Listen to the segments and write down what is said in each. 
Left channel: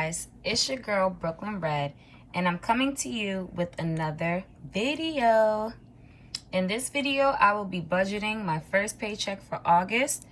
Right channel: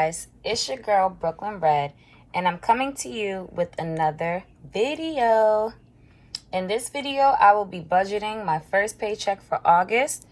guys, it's your girl Brooklyn Red, and I'm coming to you with another video. In this video, I will be budgeting my first paycheck for August.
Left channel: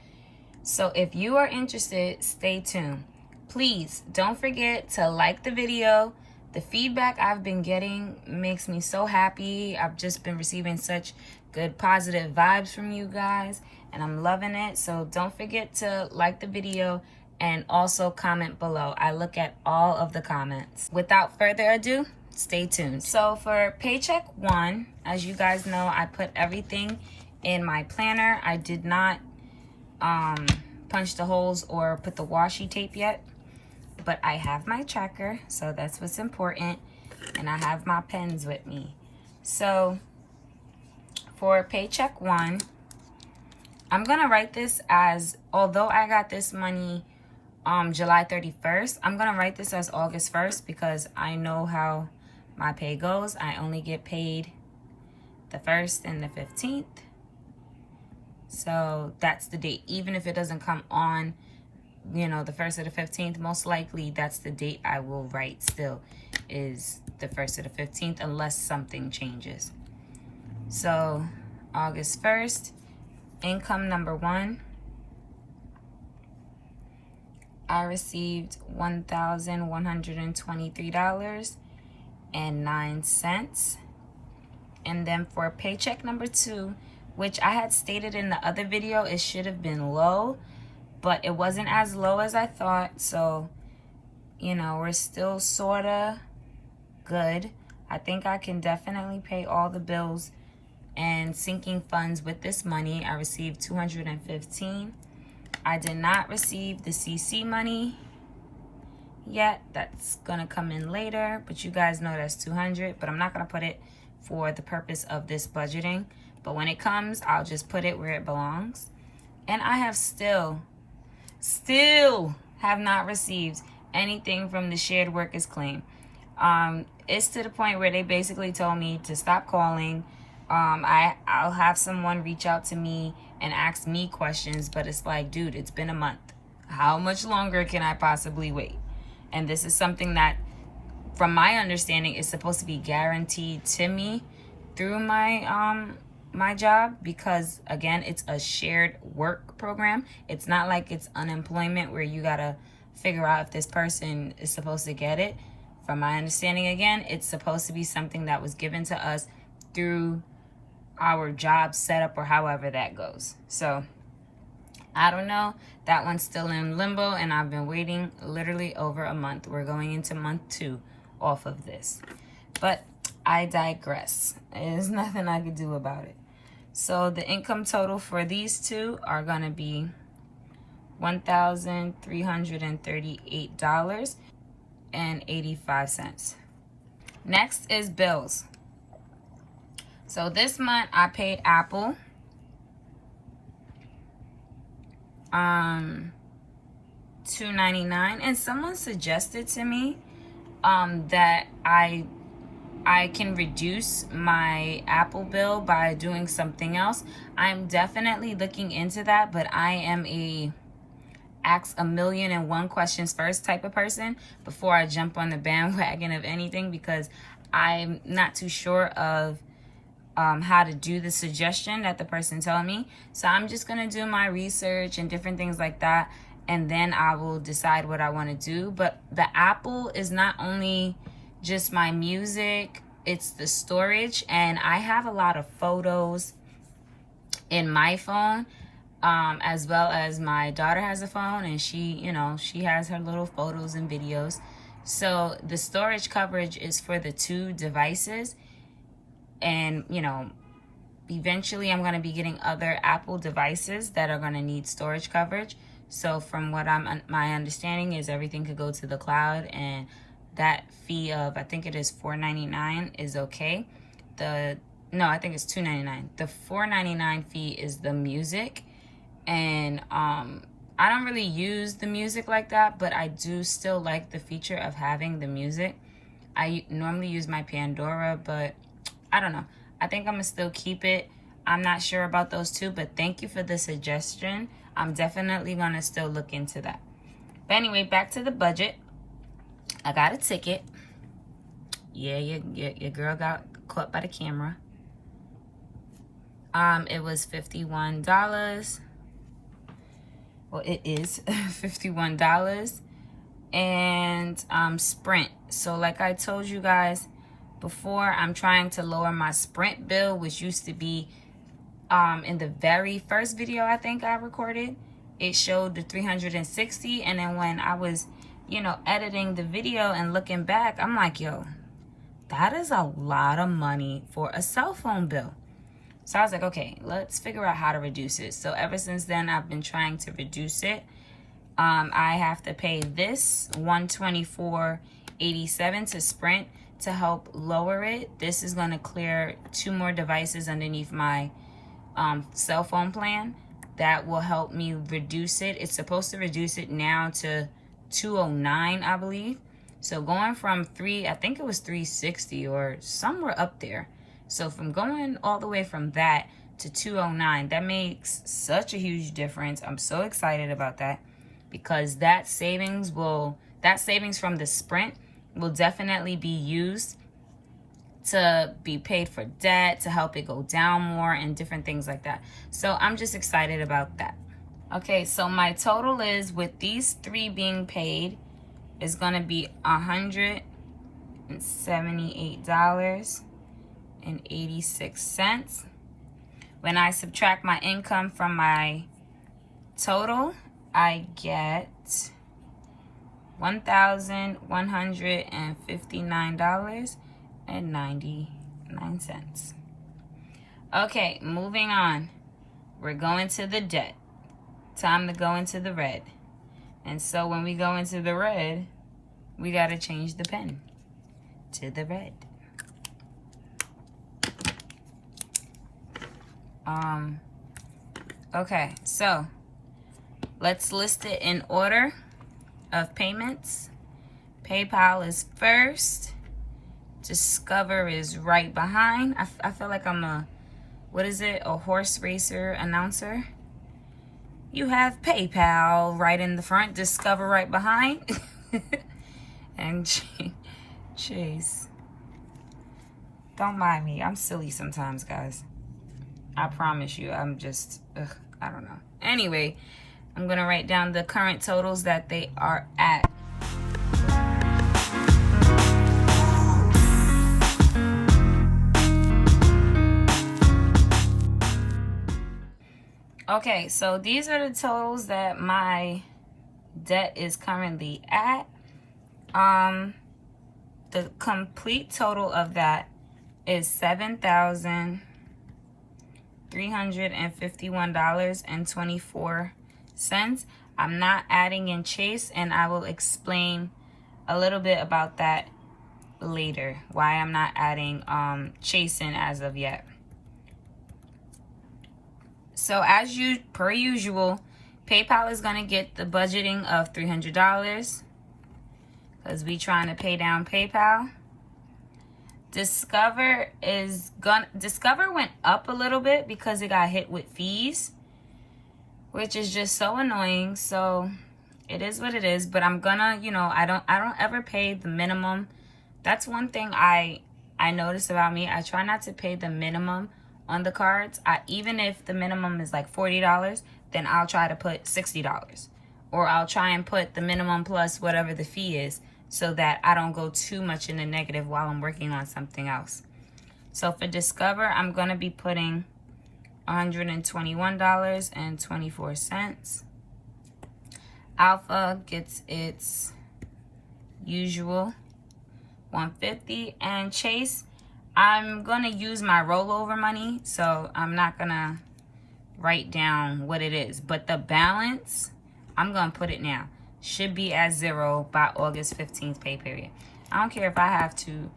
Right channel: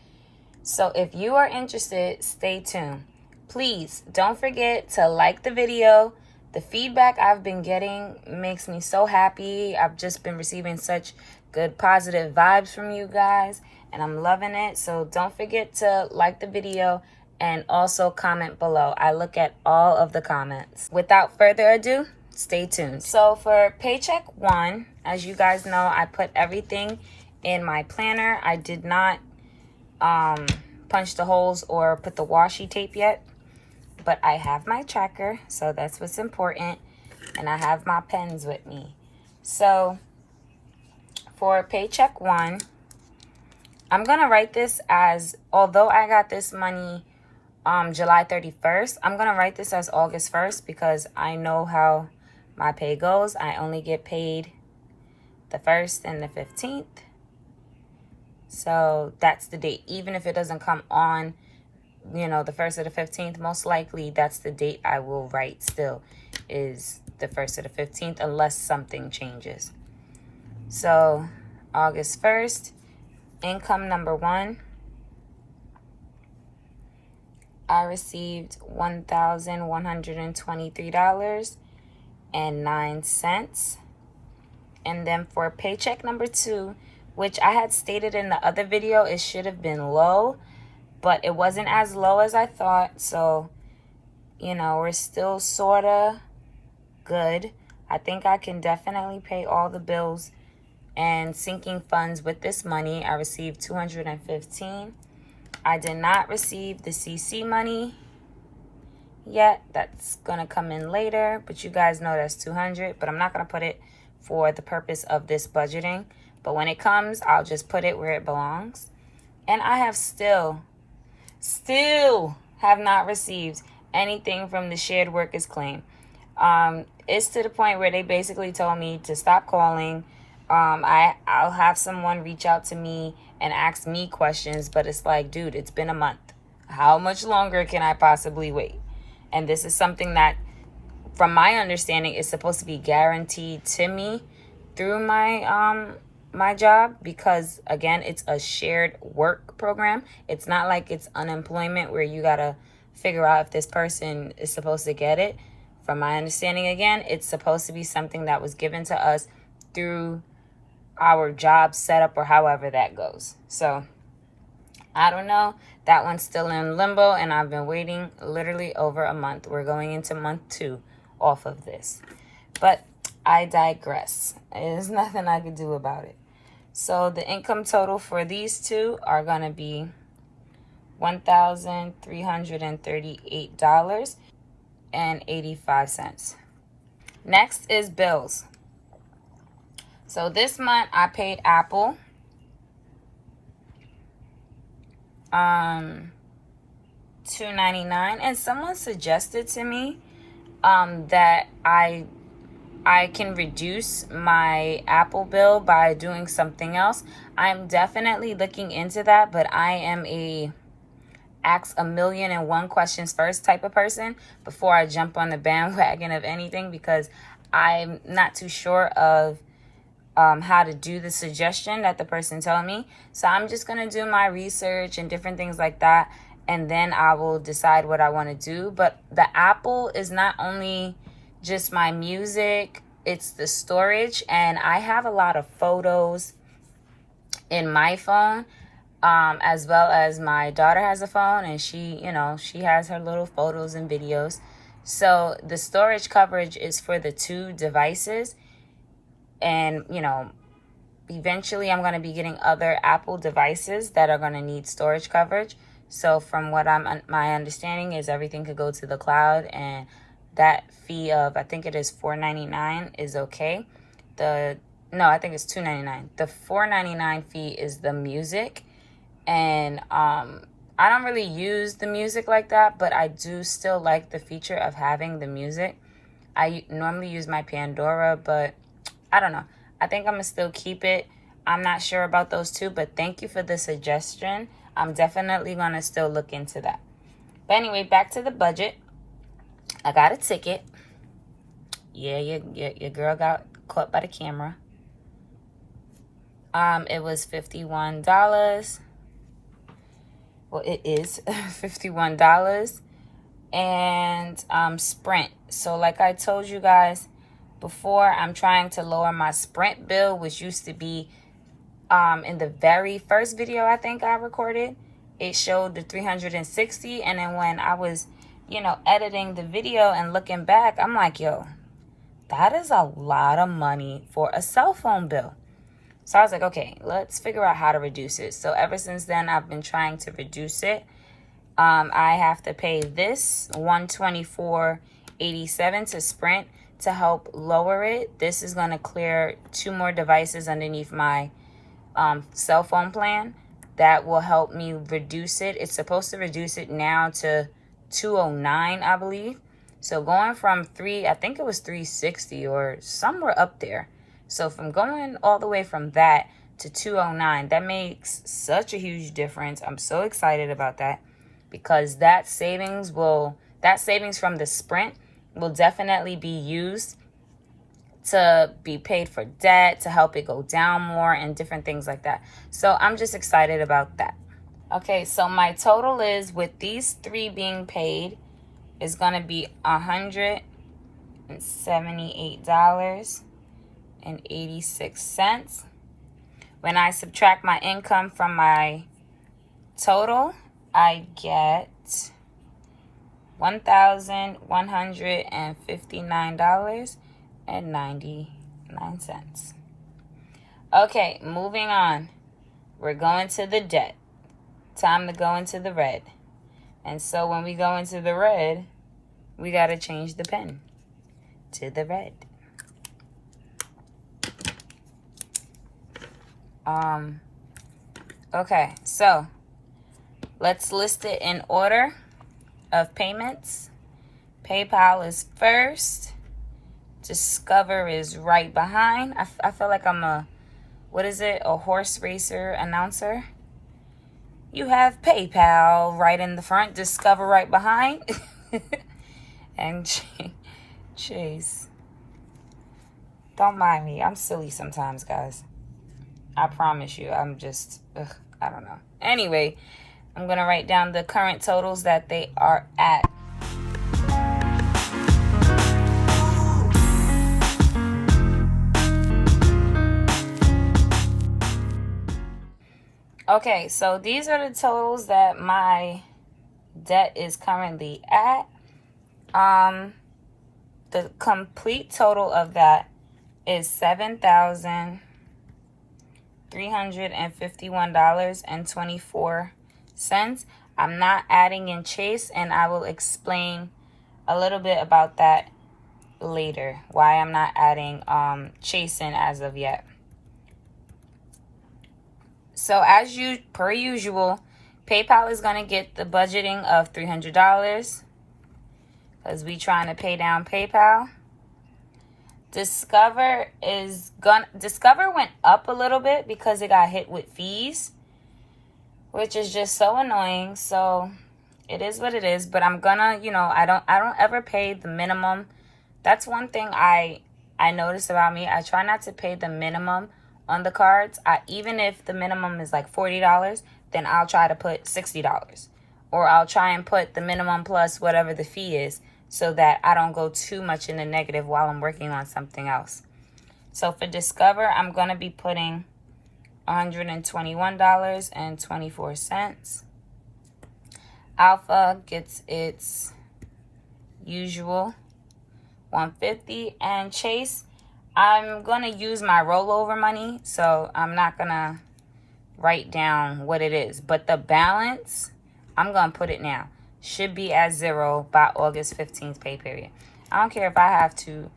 So if you are interested, stay tuned. Please don't forget to like the video. The feedback I've been getting makes me so happy. I've just been receiving such good positive vibes from you guys, and I'm loving it. So don't forget to like the video and also comment below. I look at all of the comments. Without further ado, stay tuned. So for paycheck 1, as you guys know, I put everything in my planner. I did not punch the holes or put the washi tape yet, but I have my tracker, so that's what's important, and I have my pens with me. So for paycheck 1, I'm gonna write this as, although I got this money July 31st, I'm gonna write this as August 1st because I know how my pay goes. I only get paid the 1st and the 15th. So that's the date. Even if it doesn't come on, you know, the 1st or the 15th, most likely that's the date I will write still, is the 1st or the 15th, unless something changes. So August 1st, income number 1. I received $1,123.09. And then for paycheck number 2, which I had stated in the other video, it should have been low, but it wasn't as low as I thought. So, you know, we're still sorta good. I think I can definitely pay all the bills and sinking funds with this money. I received $215. I did not receive the CC money yet. That's gonna come in later, but you guys know that's $200, but I'm not gonna put it for the purpose of this budgeting. But when it comes, I'll just put it where it belongs. And I have still have not received anything from the shared workers claim. It's to the point where they basically told me to stop calling. I'll have someone reach out to me and ask me questions, but it's like, dude, it's been a month. How much longer can I possibly wait? And this is something that, from my understanding, is supposed to be guaranteed to me through my my job, because again, it's a shared work program. It's not like it's unemployment where you gotta figure out if this person is supposed to get it. From my understanding, again, it's supposed to be something that was given to us through our job setup, or however that goes. So I don't know. That one's still in limbo, and I've been waiting literally over a month. We're going into month 2 off of this, but I digress. There's nothing I could do about it. So the income total for these two are gonna be $1,338.85. Next is bills. So this month I paid Apple $2.99, and someone suggested to me that I can reduce my Apple bill by doing something else. I'm definitely looking into that, but I am a ask a million and one questions first type of person before I jump on the bandwagon of anything, because I'm not too sure of how to do the suggestion that the person told me. So I'm just going to do my research and different things like that, and then I will decide what I want to do. But the Apple is not only just my music, it's the storage, and I have a lot of photos in my phone, as well as my daughter has a phone, and she has her little photos and videos. So the storage coverage is for the 2 devices. And, you know, eventually I'm going to be getting other Apple devices that are going to need storage coverage. So from what my understanding is, everything could go to the cloud, and that fee of, I think it is $4.99 is okay. I think it's $2.99. The $4.99 fee is the music. And I don't really use the music like that, but I do still like the feature of having the music. I normally use my Pandora, but I don't know. I think I'm going to still keep it. I'm not sure about those 2, but thank you for the suggestion. I'm definitely going to still look into that. But anyway, back to the budget. I got a ticket. Yeah, your girl got caught by the camera. It was $51. Well, it is $51. And Sprint. So like I told you guys before, I'm trying to lower my Sprint bill, which used to be in the very first video I think I recorded. It showed the 360, and then when I was, you know, editing the video and looking back, I'm like, yo, that is a lot of money for a cell phone bill. So I was like, okay, let's figure out how to reduce it. So ever since then, I've been trying to reduce it. I have to pay this $124.87 to Sprint to help lower it. This is going to clear 2 more devices underneath my cell phone plan. That will help me reduce it. It's supposed to reduce it now to $209, I believe. So going from I think it was $360 or somewhere up there. So from going all the way from that to $209, that makes such a huge difference. I'm so excited about that, because that savings from the Sprint will definitely be used to be paid for debt, to help it go down more, and different things like that. So I'm just excited about that. Okay, so my total is, with these 3 being paid, is going to be $178.86. When I subtract my income from my total, I get $1,159.99. Okay, moving on. We're going to the debt. Time to go into the red. And so when we go into the red, we got to change the pen to the red. Okay, so let's list it in order of payments. PayPal is first. Discover is right behind. I feel like I'm a horse racer announcer. You have PayPal right in the front, Discover right behind, and Chase. Don't mind me. I'm silly sometimes, guys. I promise you. I'm just, I don't know. Anyway, I'm going to write down the current totals that they are at. Okay, so these are the totals that my debt is currently at. The complete total of that is $7,351.24. I'm not adding in Chase, and I will explain a little bit about that later, why I'm not adding Chase in as of yet. So per usual, PayPal is going to get the budgeting of $300 because we trying to pay down PayPal. Discover went up a little bit because it got hit with fees, which is just so annoying. So it is what it is, but I'm gonna, I don't ever pay the minimum. That's one thing I noticed about me. I try not to pay the minimum on the cards. Even if the minimum is like $40, then I'll try to put $60, or I'll try and put the minimum plus whatever the fee is, so that I don't go too much in the negative while I'm working on something else. So for Discover, I'm going to be putting $121.24. Alpha gets its usual $150, and Chase, I'm going to use my rollover money, so I'm not going to write down what it is. But the balance, I'm going to put it now. Should be at 0 by August 15th pay period. I don't care if I have to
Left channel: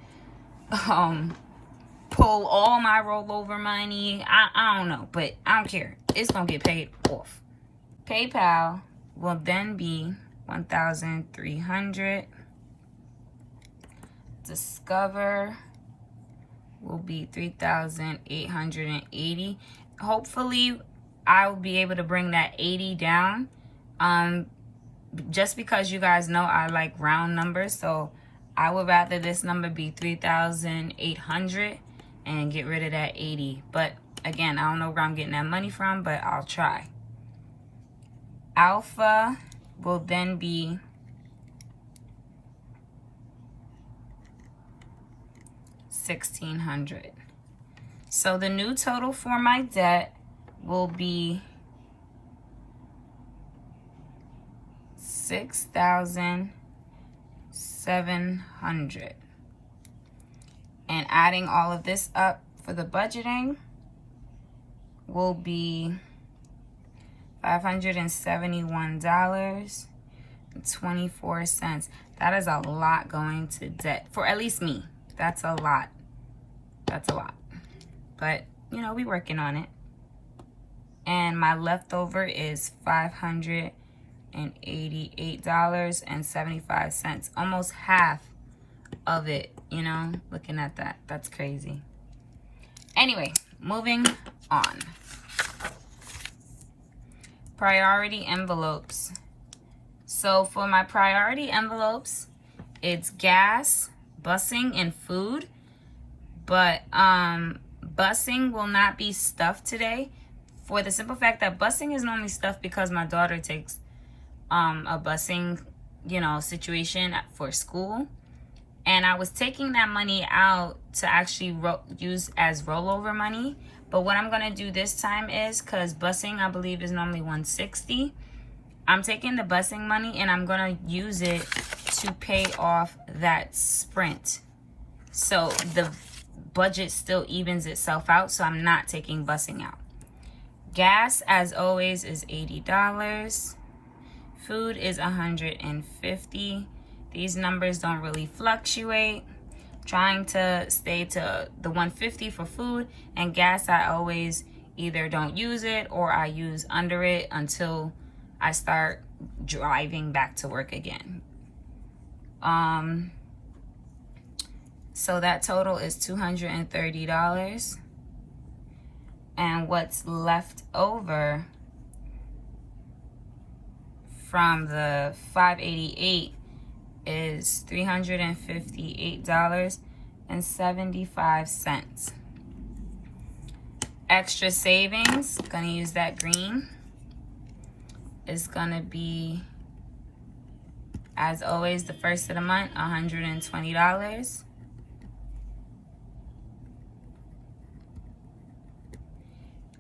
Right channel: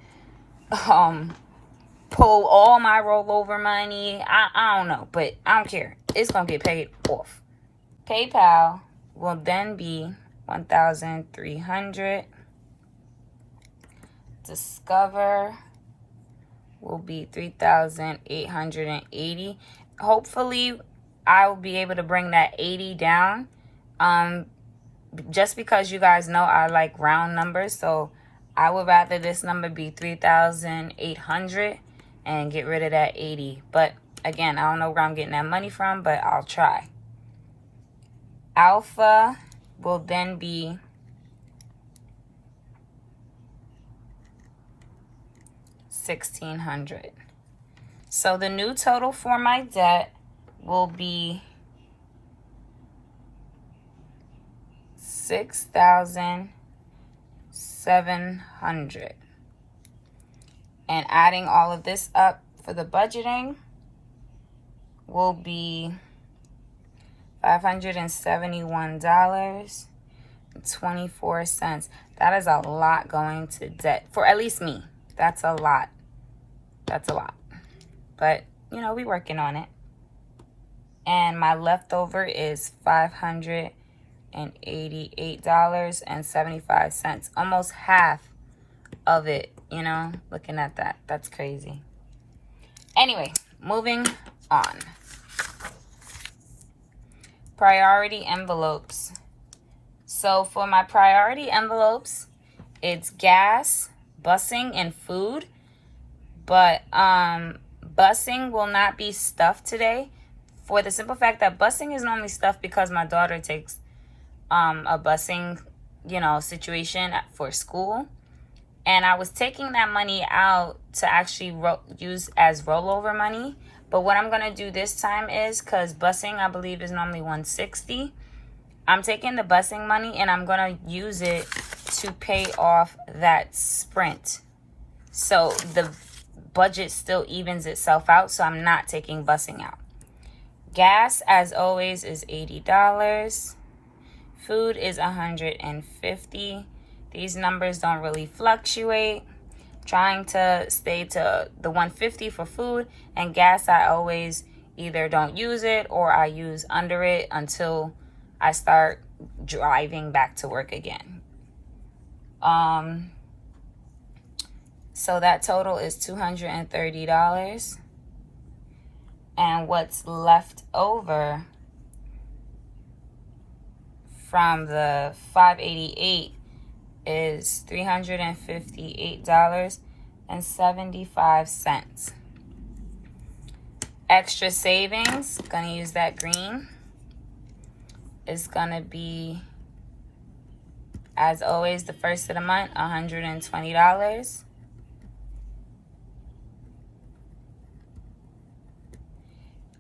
pull all my rollover money. I don't know, but I don't care. It's going to get paid off. PayPal will then be $1,300. Discover will be $3,880. Hopefully, I will be able to bring that 80 down. Just because you guys know I like round numbers, so I would rather this number be 3,800 and get rid of that 80. But again, I don't know where I'm getting that money from, but I'll try. Alpha will then be $1,600. So the new total for my debt will be $6,700. And adding all of this up for the budgeting will be $571.24. That is a lot going to debt for at least me. That's a lot. That's a lot. But, you know, we working on it. And my leftover is $588.75. Almost half of it, you know, looking at that. That's crazy. Anyway, moving on. Priority envelopes. So for my priority envelopes, it's gas, busing, and food. But busing will not be stuffed today for the simple fact that busing is normally stuffed because my daughter takes a busing, you know, situation for school. And I was taking that money out to actually use as rollover money. But what I'm going to do this time is, because busing, I believe, is normally $160. I'm taking the busing money and I'm going to use it to pay off that Sprint. So the budget still evens itself out, so I'm not taking busing out. Gas, as always, is $80. Food is $150. These numbers don't really fluctuate. Trying to stay to the $150 for food, and gas, I always either don't use it or I use under it until I start driving back to work again. So that total is $230. And what's left over from the $588 is $358.75. Extra savings, gonna use that green, is gonna be, as always, the first of the month, $120.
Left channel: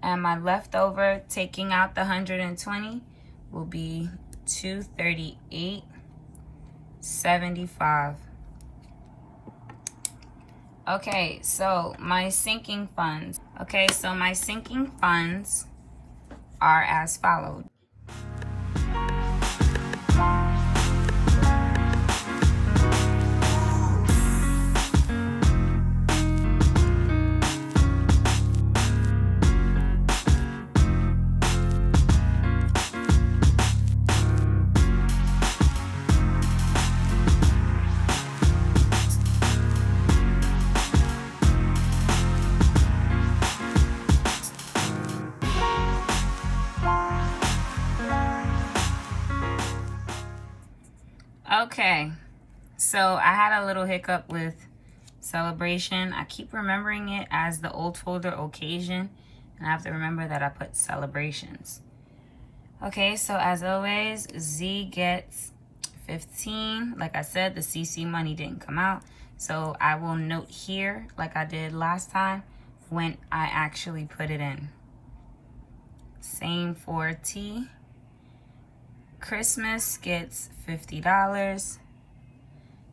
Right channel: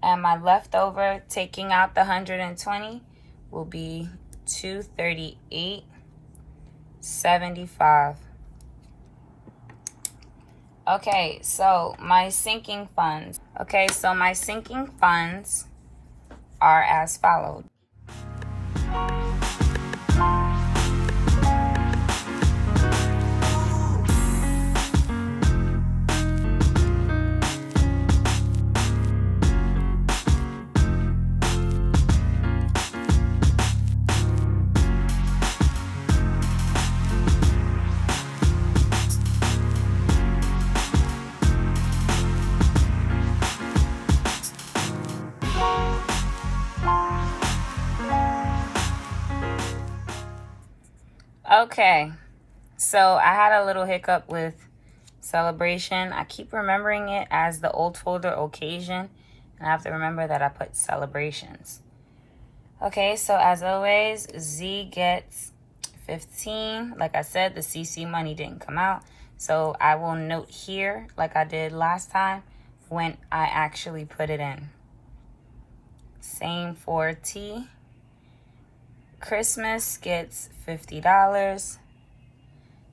And my leftover, taking out the $120, will be $238.75. Okay, so my sinking funds. Okay, so my sinking funds are as followed. Okay, so I had a little hiccup with celebration. I keep remembering it as the old folder occasion, and I have to remember that I put celebrations. Okay, so as always, Z gets 15. Like I said, the CC money didn't come out, so I will note here, like I did last time, when I actually put it in. Same for T. Christmas gets $50.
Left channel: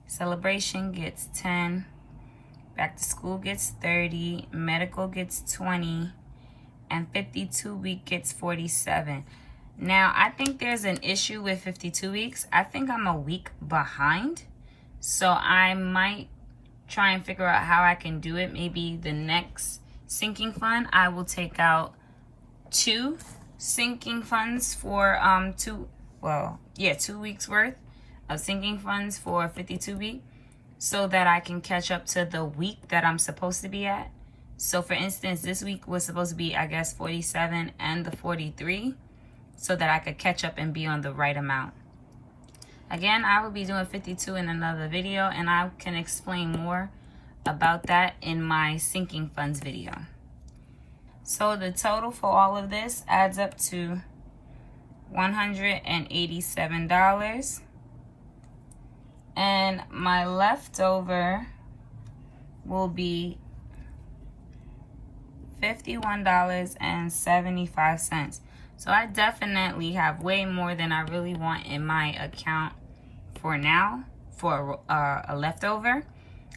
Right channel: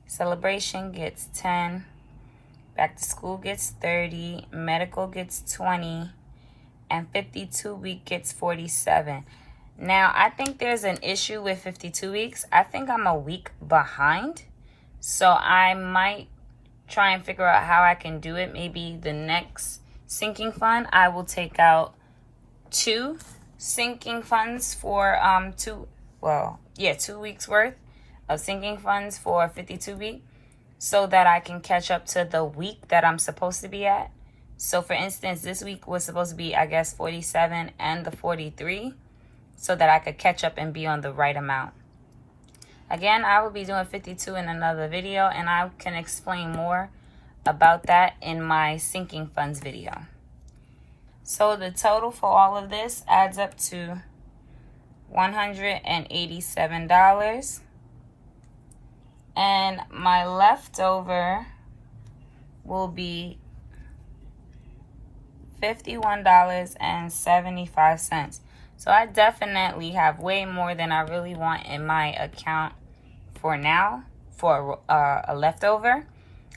Celebration gets 10. Back to school gets 30. Medical gets 20. And 52 week gets 47. Now, I think there's an issue with 52 weeks. I think I'm a week behind. So I might try and figure out how I can do it. Maybe the next sinking fund, I will take out 2 sinking funds for 2 weeks worth of sinking funds for 52 week, so that I can catch up to the week that I'm supposed to be at. So for instance, this week was supposed to be, I guess, 47 and the 43, so that I could catch up and be on the right amount. Again, I will be doing 52 in another video, and I can explain more about that in my sinking funds video. So the total for all of this adds up to $187. And my leftover will be $51.75. So I definitely have way more than I really want in my account for now, for a leftover.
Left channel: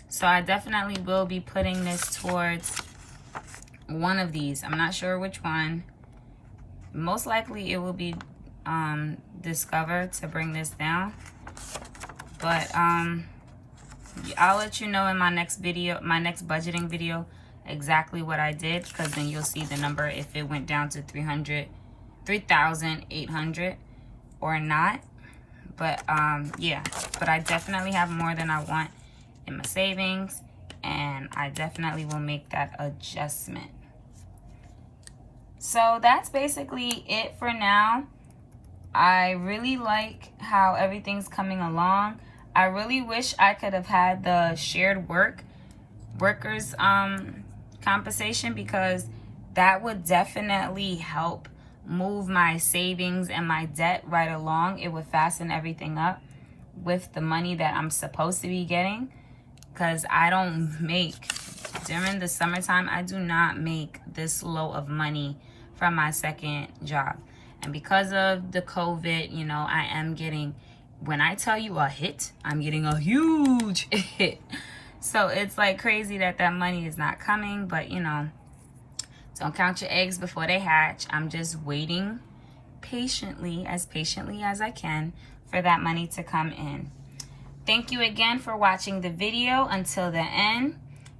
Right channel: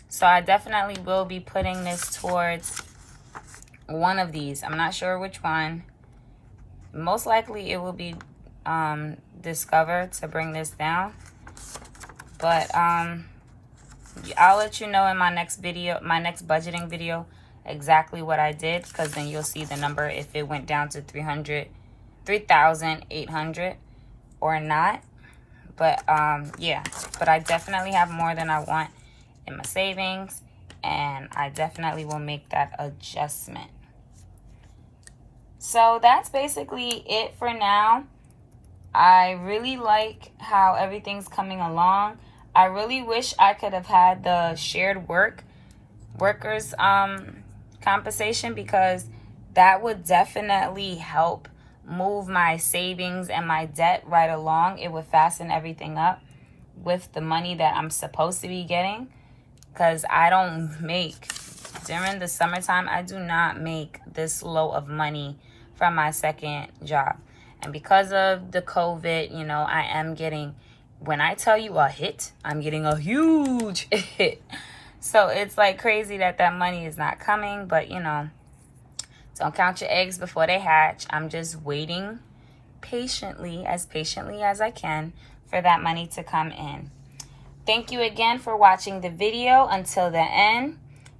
So I definitely will be putting this towards one of these. I'm not sure which one. Most likely it will be Discover to bring this down. But I'll let you know in my next video, my next budgeting video, exactly what I did, because then you'll see the number if it went down to 3,800 or not. But yeah, but I definitely have more than I want in my savings, and I definitely will make that adjustment. So that's basically it for now. I really like how everything's coming along. I really wish I could have had the shared workers compensation, because that would definitely help move my savings and my debt right along. It would fasten everything up with the money that I'm supposed to be getting, because I don't make, during the summertime, I do not make this low of money from my second job. And because of the COVID, you know, I am getting, when I tell you a hit, I'm getting a huge hit. So it's like crazy that that money is not coming, but you know, don't count your eggs before they hatch. I'm just waiting patiently as I can for that money to come in. Thank you again for watching the video until the end.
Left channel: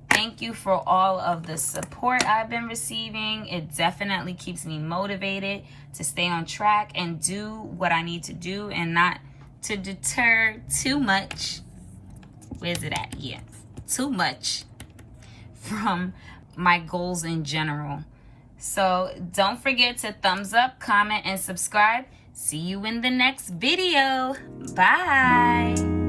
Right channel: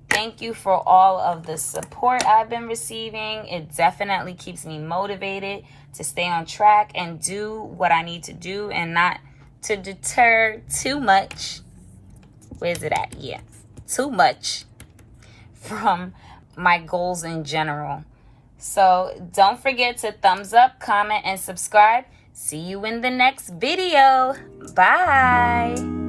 Thank you for all of the support I've been receiving. It definitely keeps me motivated to stay on track and do what I need to do, and not to deter too much. Where's it at? Yeah, too much from my goals in general. So don't forget to thumbs up, comment, and subscribe. See you in the next video. Bye.